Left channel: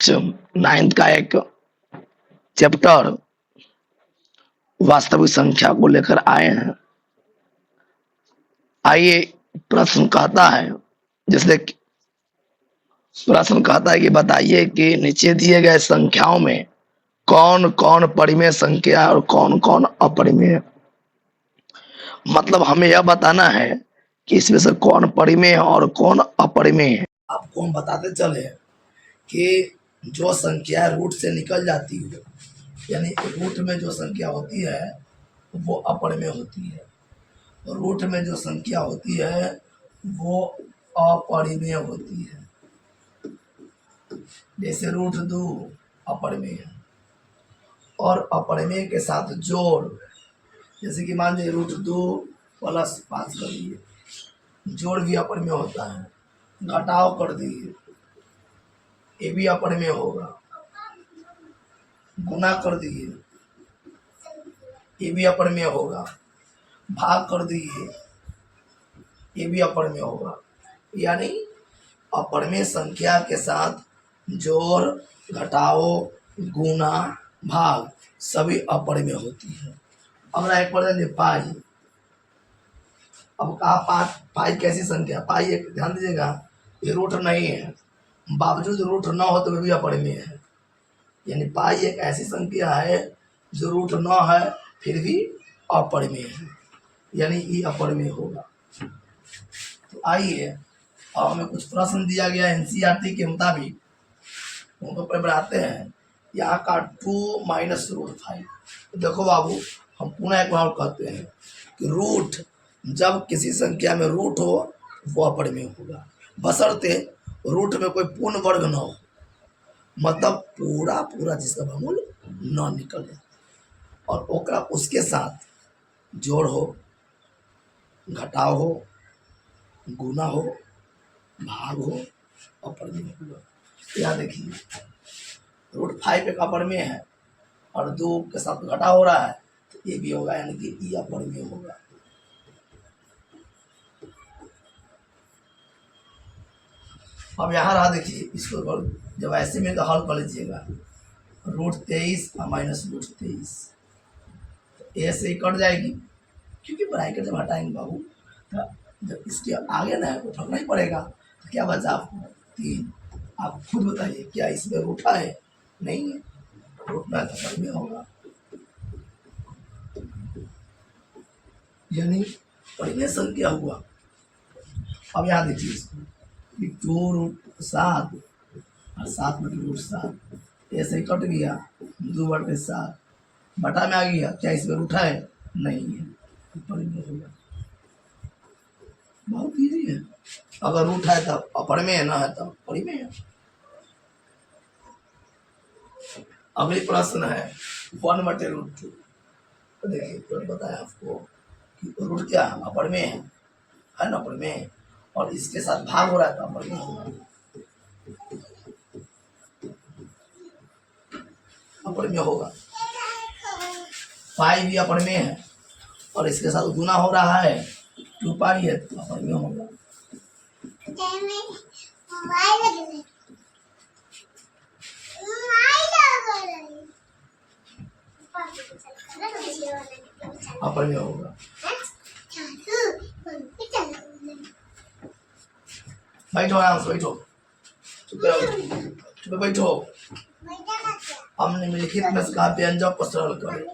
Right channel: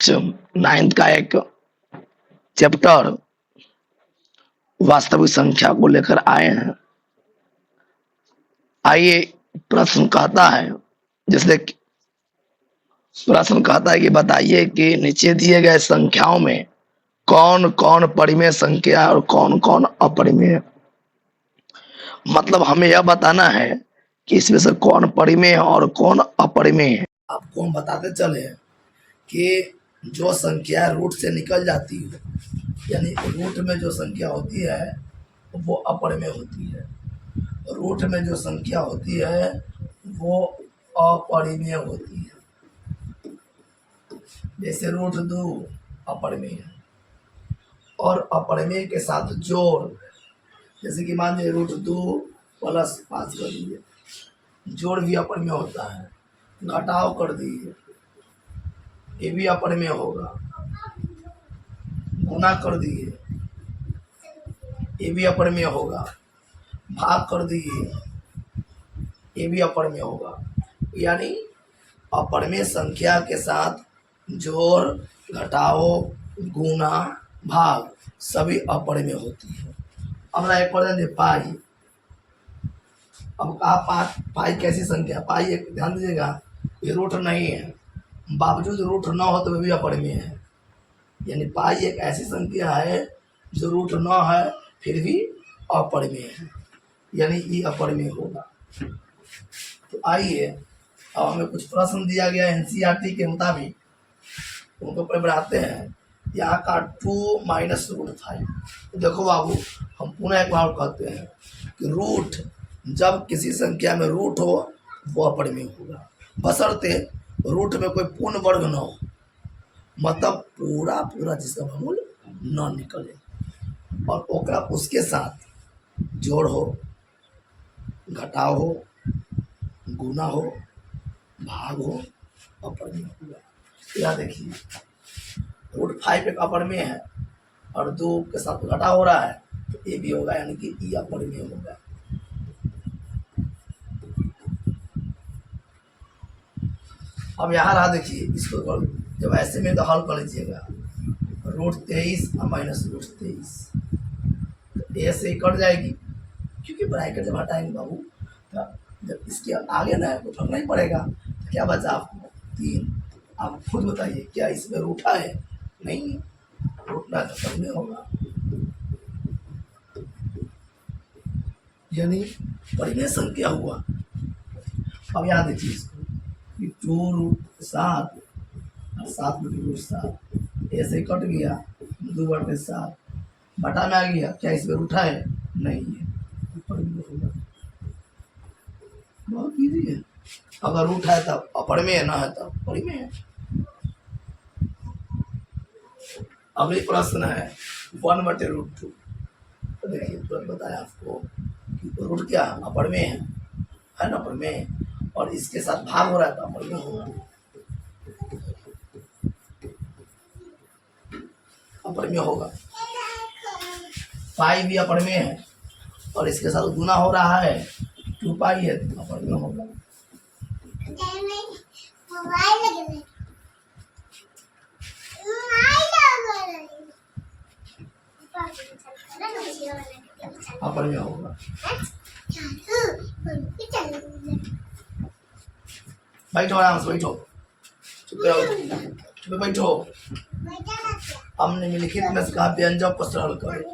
Ninth का एक chapter वास्तविक संख्या को लेकर आए हैं। आइए प्रश्न कहता है, जैसे प्रश्न कहता है कि बताइए कि नीचे दिए गए संख्याओं में कौन कौन परिमेय संख्या और कौन कौन अपरिमेय। मतलब हमें यह बताना है कि इसमें से कौन परिमेय है और कौन अपरिमेय है। आपको हम बताते चले कि जो संख्या रूट से निकल जाती है, यानी रूट में जो संख्या होती है वो अपरिमेय होती है, रूट में जो संख्या होती है वो अपरिमेय होती है। जैसे रूट 2 अपरिमेय है, और अपरिमेय के साथ जोड़, जैसे कि मान लीजिए रूट 2 प्लस 5 कर दिए, जोड़ भी अपरिमेय होता है। घटाव कर दिए, ये भी अपरिमेय होगा। गुना कर दिए, ये भी अपरिमेय होगा। भाग कर दिए, ये भी अपरिमेय होगा। यानी अपरिमेय संख्या के साथ जोड़, घटाव, गुना, भाग सभी अपरिमेय होती है। अब ना एक पढ़ेंगे पाई। अब कहा पाई कैसी संख्या? पाई एक ध्यान दीजिएगा, ये रूट नहीं है, बावजूद रूट न हो तो भी अपरिमेय है। यानी पाई एक ऐसी संख्या है जो रूट न है फिर भी अपरिमेय है, यानी ये अपरिमेय होगा। तो आइए अब हमें कुछ प्रश्न दिया गया एनसीईआरटी के मुताबिक, उनको पर बनाते हैं। यहाँ का 2 माइनस रूट 5। तो देखो बाबू, हम पुनः एक बार कहते हैं कि रूट, जब किसी संख्या में रूट हो वो अपरिमेय होगा, बशर्ते रूट में कोई पूर्ण वर्ग न हो, मतलब पूरा पूरा जिसका वर्गमूल न निकले, और ओकरा उसके साथ जोड़ हो, घटाव हो, गुना हो, भाग हो, अपरिमेय होगा। यहाँ देखिए रूट 5 एक अपरिमेय है और 2 के साथ घटा हो रहा है, तो ये भी होगा, यानी कि ये अपरिमेय होगा। अब यहाँ रहा, देखिए इसको जब ऐसे में तो हल कर लीजिएगा, रूट 23 और माइनस रूट 23, ए से कट जाएगी, क्योंकि ब्रैकेट जब हटाएंगे बाबू तो जब इसके आगे ना तो फर्क नहीं पड़ेगा। तो क्या बचा आपको? 3। आप खुद बताइए, क्या इसमें रूठा है? नहीं है, रूठना तो सब में होगा, यानी परिमेय संख्या हुआ। अब यहाँ देखिए इसको, 2 रूट 7 और 7 बटे रूट 7, ऐसे कट गया, 2 बटे 7 बटा में आ गया। क्या इसमें रूठा है? नहीं है, अपरिमेय होगा। बहुत इजी है, अगर रूट है तब अपरिमेय, ना है तब परिमेय है। अगली प्रश्न है 1 बटे रूट 2। तो देखिए तुरंत बताया आपको कि रूट क्या अपरिमेय है ना, अपरिमेय, और इसके साथ भाग हो रहा है तो अपरिमेय होगा, अपरिमेय होगा। पाई भी अपरिमेय है और इसके साथ गुना हो रहा है, 2 पाई है तो अपरिमेय होगा। अपरिमेय होगा। बैठो आराम से, बैठो, चुप बैठो। हमने निम्नलिखित में से कहा व्यंजक को सरल करें।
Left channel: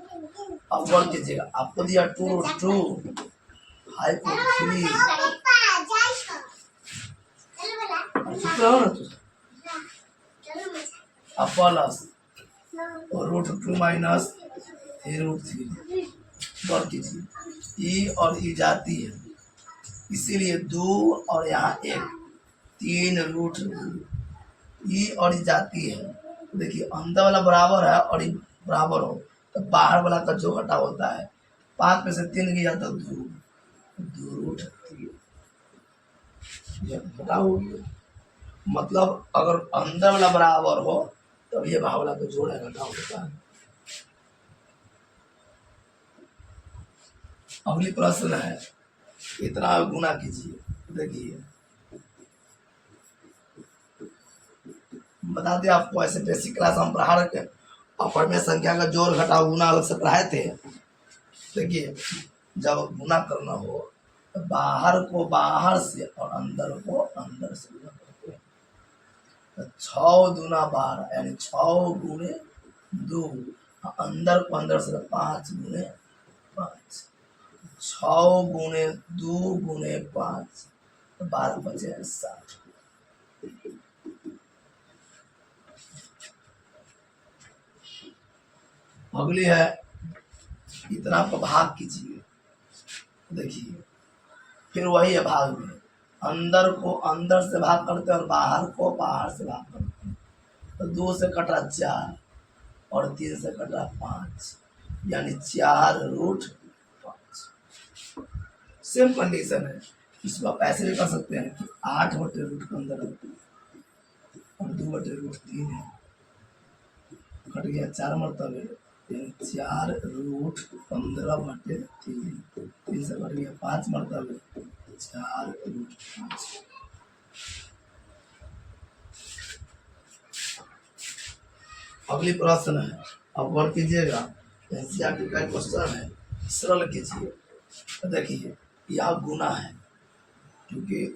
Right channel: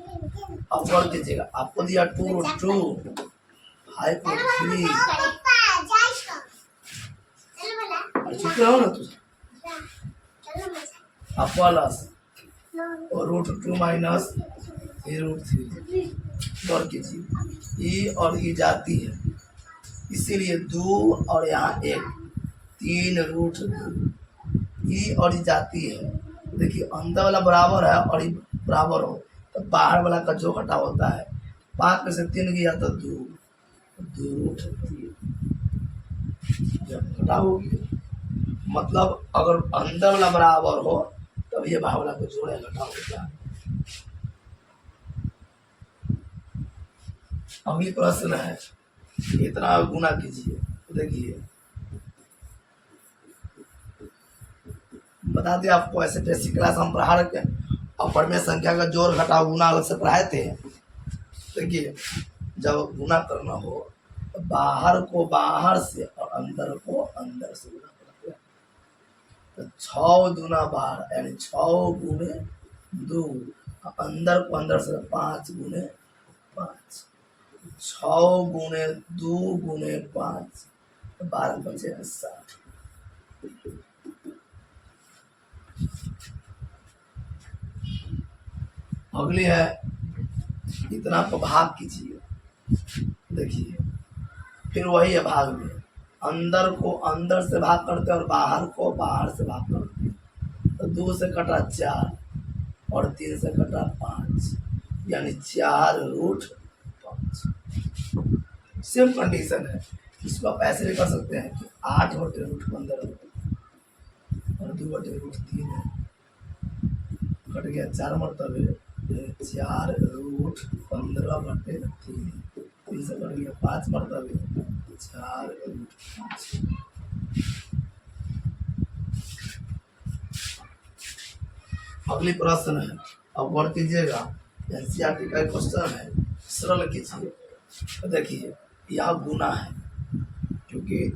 अब गौर कीजिएगा, आपको दिया 2 रूट 2, 5 रूट 3, चुप रहो ना तुझे, अब प्लस और रूट 2 माइनस रूट 3। गौर कीजिए, ई और ई जाती है, इसीलिए 2 और यहाँ 1, 3 रूट 2, ई और ई जाती है। देखिए अंदर वाला बराबर है और ये बराबर हो तो बाहर वाला का जो घटा होता है, 5 में से 3 गया तो 2 रूट 3, जब घटा होगी, मतलब अगर अंदर वाला बराबर हो तब ये बाहर वाला को जोड़े घटा होता है। अगली प्रश्न है, इतना गुना कीजिए। देखिए बता दें आपको, ऐसे बेसिक क्लास हम पढ़ा रखे और में संख्या का जोड़ घटाव गुना अलग से पढ़ाए थे। देखिए जब गुना करना हो तो बाहर को बाहर से और अंदर को अंदर से गुना करते हैं। तो 6 दूना 12 यानी 6 गुने 2, अंदर को अंदर से 5 गुने 5, 6 गुने 2 गुने 5, 12 बचे 60। अगली है इतना को भाग कीजिए। देखिए फिर वही है भाग में, अंदर को अंदर से भाग करते हैं और बाहर को बाहर से भाग करते हैं। तो 2 से कटा 4 और 3 से कटा 5, यानी 4√5। सेम कंडीशन है, इसको आप ऐसे भी कर सकते हैं कि 8/√15 और 2/√3 है, कट गया 4 मरतबे 4√15/3, 3 से कट गया 5 मरतबे 4√5। अगली प्रश्न है, अब गौर कीजिएगा, एनसीईआरटी का क्वेश्चन है, सरल कीजिए। तो देखिए यह गुना है, क्योंकि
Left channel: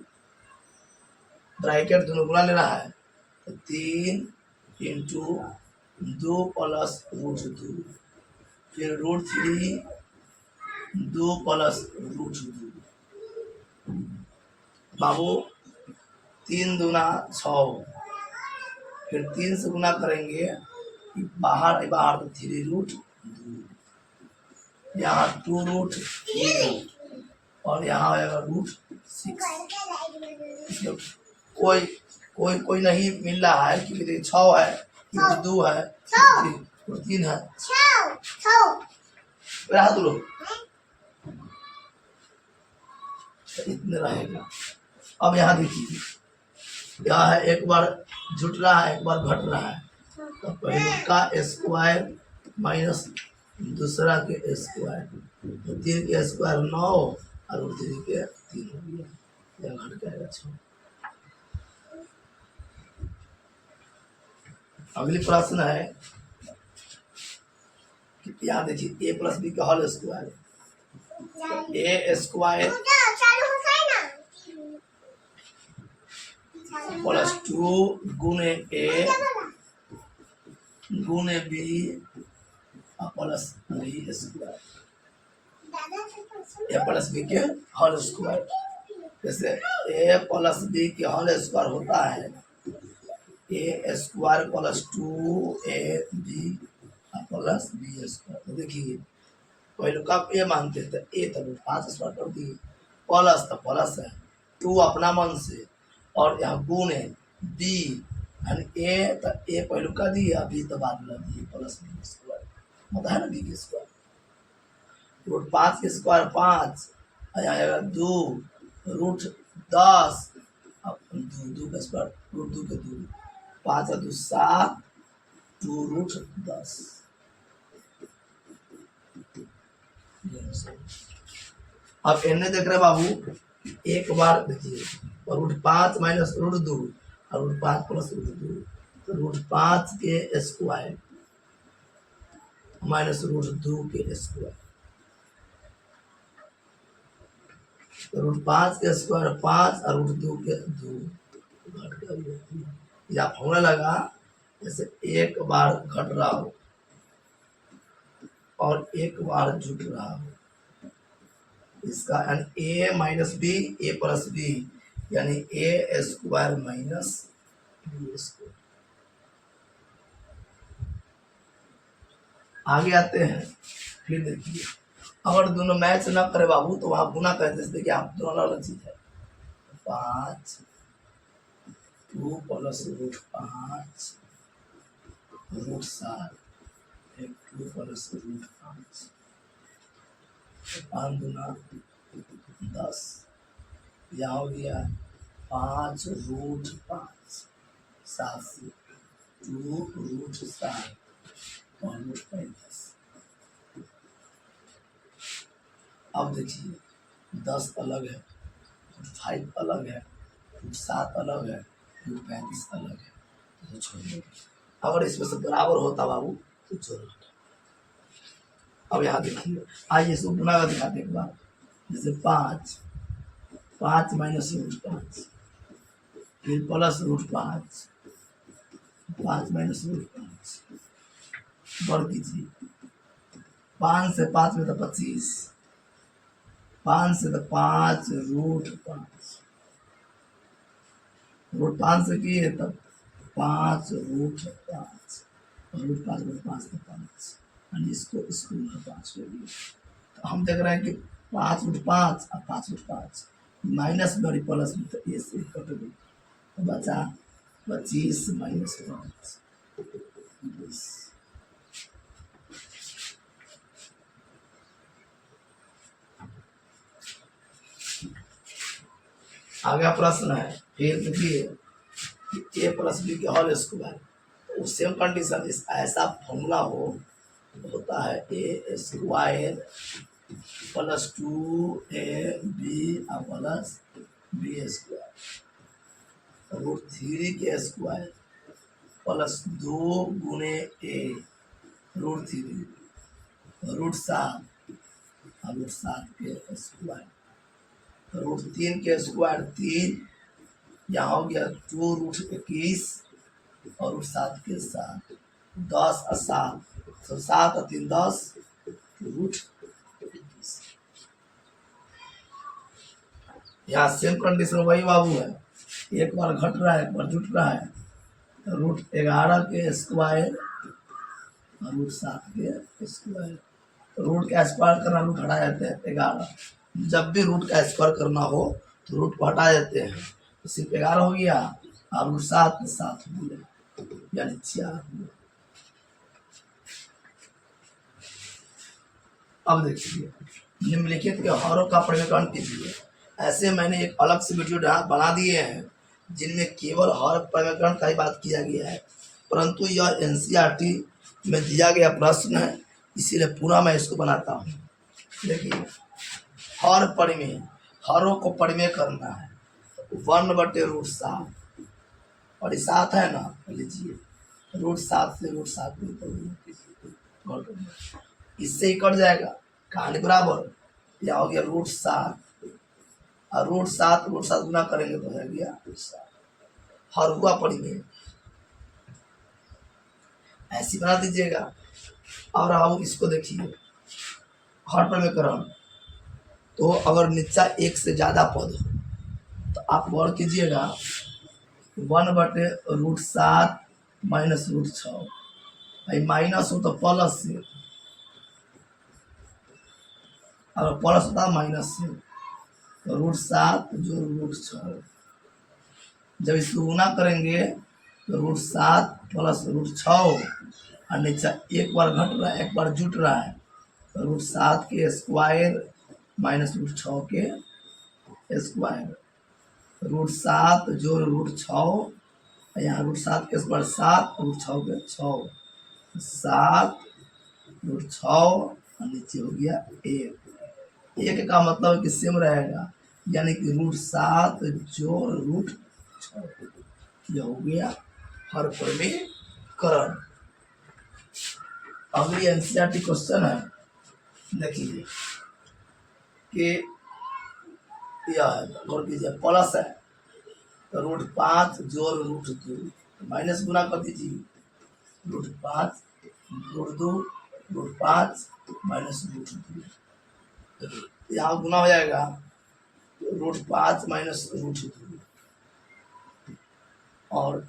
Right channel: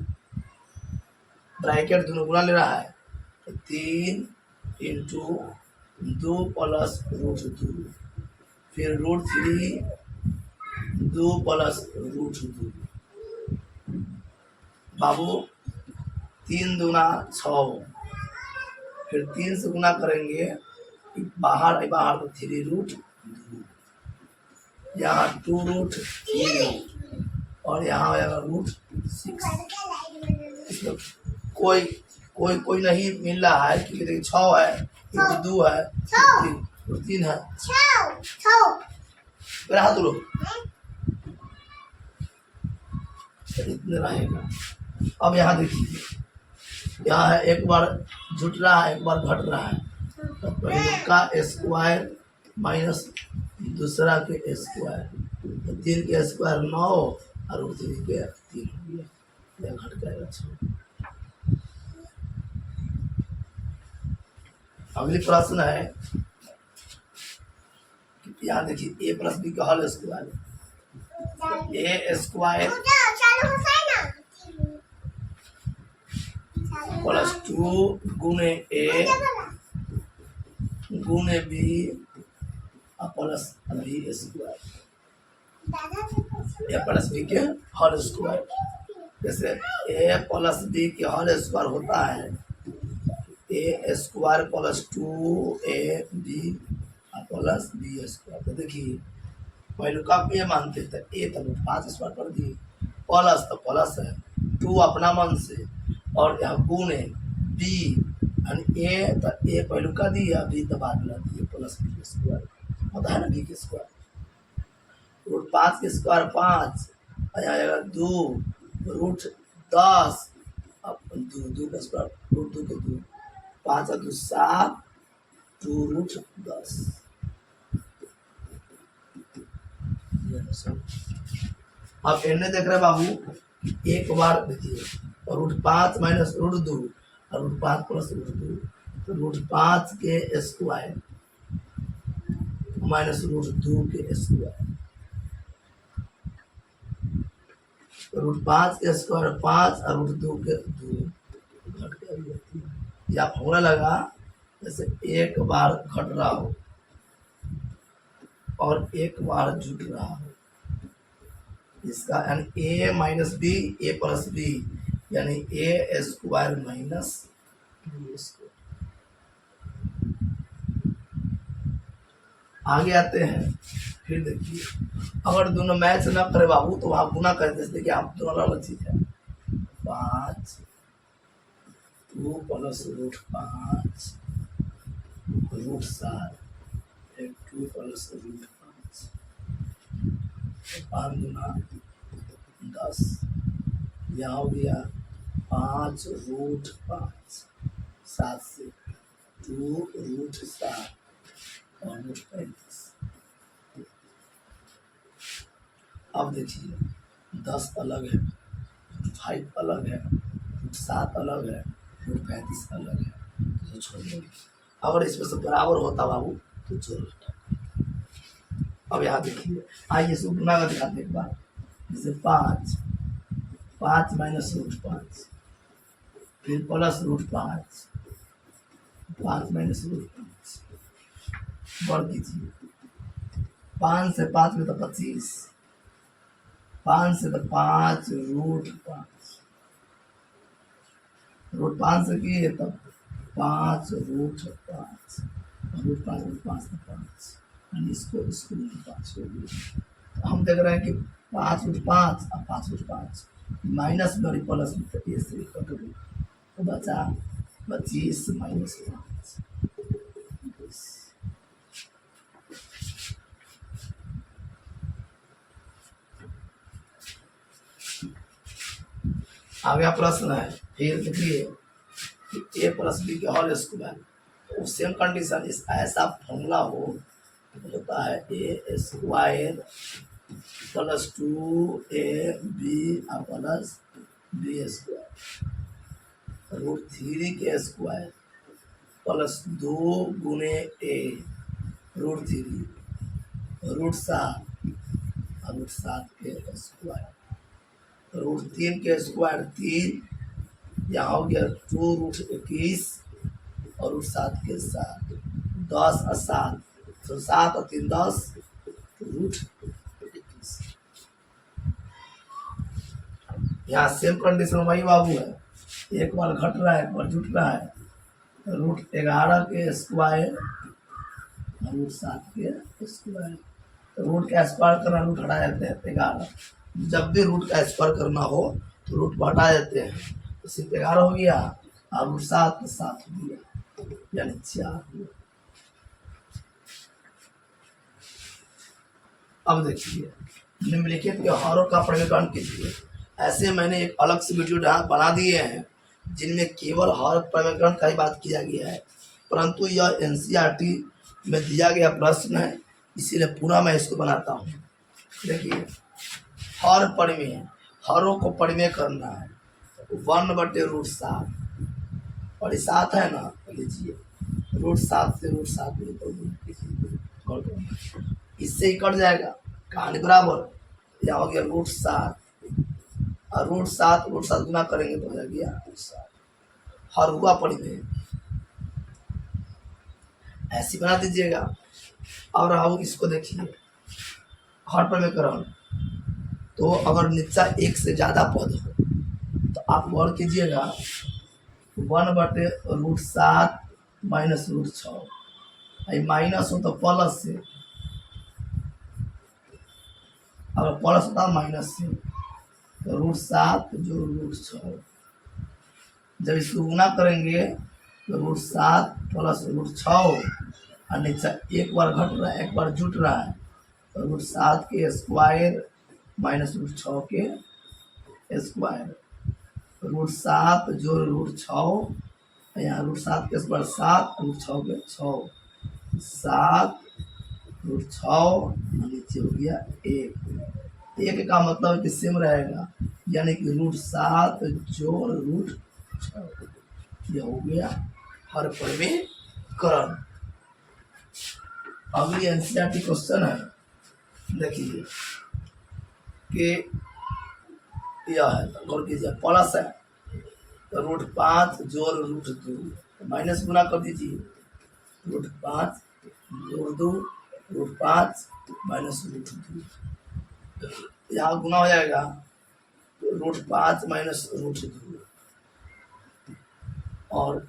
ब्रैकेट दोनों गुना ले रहा है, तो 3 इंटू 2 प्लस √2, फिर √3 2 प्लस √2। बाबू 3 दूना 6, फिर 3 से गुना करेंगे, बाहर बाहर तो 3√2, यहाँ 2√3 और यहाँ आएगा √6। कोई कोई कोई नहीं मिल रहा है, क्योंकि देखिए 6 है, 2 है, 3 है, हाथ लो इतने रहेगा। अब यहाँ देखिए, यहाँ है एक बार जुट रहा है एक बार घट रहा है, तो पहले का स्क्वायर माइनस दूसरा के स्क्वायर, तो 3 के स्क्वायर 9 और 3 के 3 हो गया, यह घट जाएगा 6। अगली प्रश्न है कि यहाँ देखिए a प्लस बी का whole square, a square plus 2 गुने a गुने B plus B square, a plus B के होल स्क्वायर। जैसे a प्लस बी के होल स्क्वायर होता है a square plus 2ab plus B square. तो देखिए पहले का ए मानते थे, ए तब 5 स्क्वायर कर दिए, प्लस तो प्लस है 2 अपना मन से, और यहाँ गुण है बी, ए तो ए पहलू का दिया, बी तो बाद में दिए, प्लस बी स्क्वायर होता है ना, बी के स्क्वायर। √5 के स्क्वायर 5, यहाँ आएगा 2, √10, अब 2 का स्क्वायर √2 के 2, 5 2 7, 2√10। अब एने देख रहे बाबू, एक बार देखिए, √5 माइनस √2 और √5 प्लस √2, तो √5 के स्क्वायर माइनस √2 के स्क्वायर, तो √5 के स्क्वायर 5 और √2 के 2 घट कर, या फॉर्मूला लगा जैसे एक बार घट रहा हो और एक बार जुट रहा हो, इसका यानी a minus B A plus B, यानी a square minus B square. आगे आते हैं, फिर देखिए अगर दोनों मैच ना करे बाबू तो वहां गुना कर, जैसे देखिए आप दोनों अलग अलग चीज है, 5 2 प्लस √5 √7 2 प्लस √5, 5 दूना 10, यहाँ हो गया 5√5, 7 से 2√7 और √5। अब देखिए 10 अलग है, 5 अलग है, 7 अलग है, 35 अलग है, तो छोड़ दो। अगर इसमें से बराबर होता बाबू तो चलो। अब यहाँ देखिए, आइए इसको गुना कर दिखाते एक बार। जैसे 5, 5 माइनस रूट 5, फिर प्लस रूट 5, 5 माइनस रूट 5, बढ़ दीजिए। 5 से 5 में तो 25, 5 से तो 5 रूट 5, रूट 5 से किए तब 5 रूट 5, रूट 5 रूट 5 तो 5, इसको इसको 5 को दिए। तो हम देख रहे हैं कि 5 रूट 5 और 5 रूट 5 माइनस में और प्लस में, तो ये से कट गई, तो बचा 25 माइनस 5, 20। आगे प्रश्न है, फिर देखिए कि ए प्लस बी के होल स्क्वायर, सेम कंडीशन, इस ऐसा फॉर्मूला होता है A square plus 2ab plus B square root 3 के स्क्वायर प्लस 2 गुने ए रूट 3 रूट 7 के स्क्वायर रूट 3 के स्क्वायर 3, यहाँ हो गया 2 रूट 21 और रूट 7 के 7, 10 और 7, तो 7 और 3 10 रूट 21। यहाँ सेम कंडीशन वही बाबू है, एक बार घट रहा है एक बार जुट रहा है। रूट 11 के स्क्वायर और रूट 7 के स्क्वायर, तो रूट का स्क्वायर करना रूट हटा जाते हैं 11, जब भी रूट का स्क्वायर करना हो तो रूट को हटा देते हैं, तो सिर्फ 11 हो गया और रूट 7 हो गया, यानी 4 हुआ। अब देखिए निम्नलिखित के हरों का प्रविकरण कीजिए। ऐसे मैंने एक अलग से वीडियो बना दिए हैं जिनमें केवल हर प्रविकरण का ही बात किया गया है, परंतु यह एनसीईआरटी में दिया गया प्रश्न है, इसीलिए पूरा मैं इसको बनाता हूँ। देखिए हर परिमेय, हरों को परिमेय करना है, 1/√7, और ये 7 है ना, लीजिए रूट 7 से रूट 7 इससे ही कट जाएगा, कहानी बराबर। यहाँ हो गया रूट 7 और रूट 7 गुना करेंगे तो हो गया 7, हर हुआ परिमेय, ऐसी बना दीजिएगा। और अब इसको देखिए हर परिमेयकरण, तो अगर नीचा 1 से ज़्यादा पद हो तो आप गौर कीजिएगा 1/√7 माइनस रूट 6, माइनस हो तो प्लस से, अगर प्लस होता माइनस से, तो √7 जो रूट 6, जब इसको गुना करेंगे तो √7 प्लस रूट 6, और नीचा एक बार घट रहा है एक बार जुट रहा है, तो √7 के स्क्वायर माइनस रूट 6 के स्क्वायर, √7 जो रूट 6, यहाँ √7 के स्क्वायर 7, रूट 6 के 6, 7 रूट 6 और नीचे हो गया 1 का मतलब है कि सेम रहेगा, यानी कि √7 जोड़ रूट 6, यह हो गया हर परिमेयकरण। अगली एनसीईआरटी क्वेश्चन है, देखिए कि यह है, गौर कीजिए प्लस है तो √5 जोड़ रूट 2, माइनस गुना कर दीजिए, √5 जोड़ 2 √5 माइनस रूट 2, यहाँ गुना हो जाएगा √5 माइनस रूट 2, और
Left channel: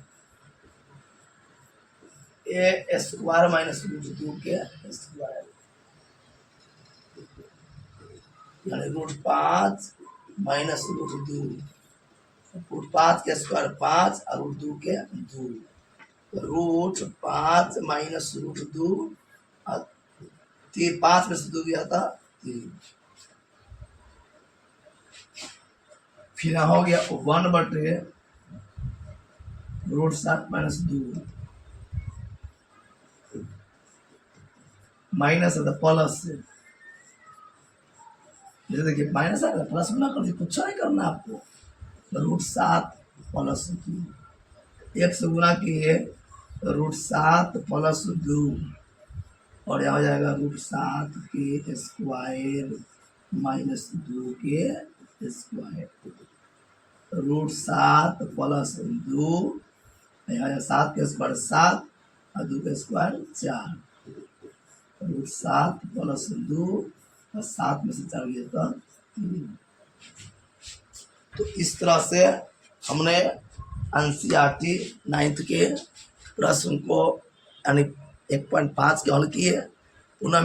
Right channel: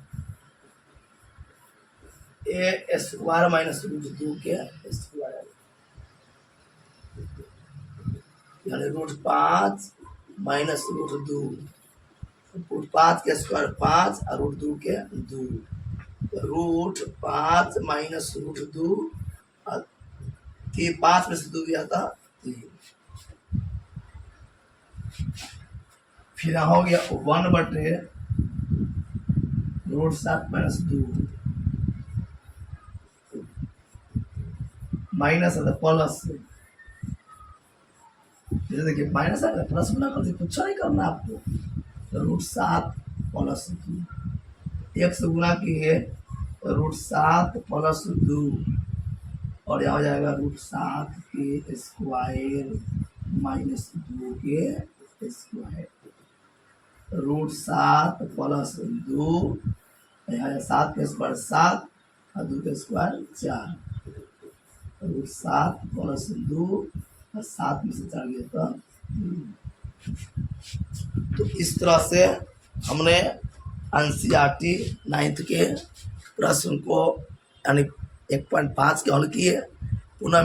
ए स्क्वायर माइनस रूट 2 के स्क्वायर, यानी √5 माइनस रूट 2, √5 के स्क्वायर 5 और रूट 2 के 2, √5 माइनस रूट 2 और 5 में से 2 गया था 3, फिर यहाँ हो गया 1/√7 माइनस 2, माइनस है तो प्लस से, जैसे देखिए माइनस है प्लस गुना कर दीजिए, कुछ नहीं करना आपको, √7 प्लस 2, एक से गुना किए तो √7 प्लस 2 और यहाँ हो जाएगा √7 के स्क्वायर माइनस 2 के स्क्वायर। √7 प्लस 2 यहाँ 7 के स्क्वायर 7 और 2 के स्क्वायर 4। √7 प्लस 2 और 7 में से 4 गया तो 3। तो इस तरह से हमने एनसीईआरटी 9th के प्रश्न को यानी 1.5 के हल किए। पुनः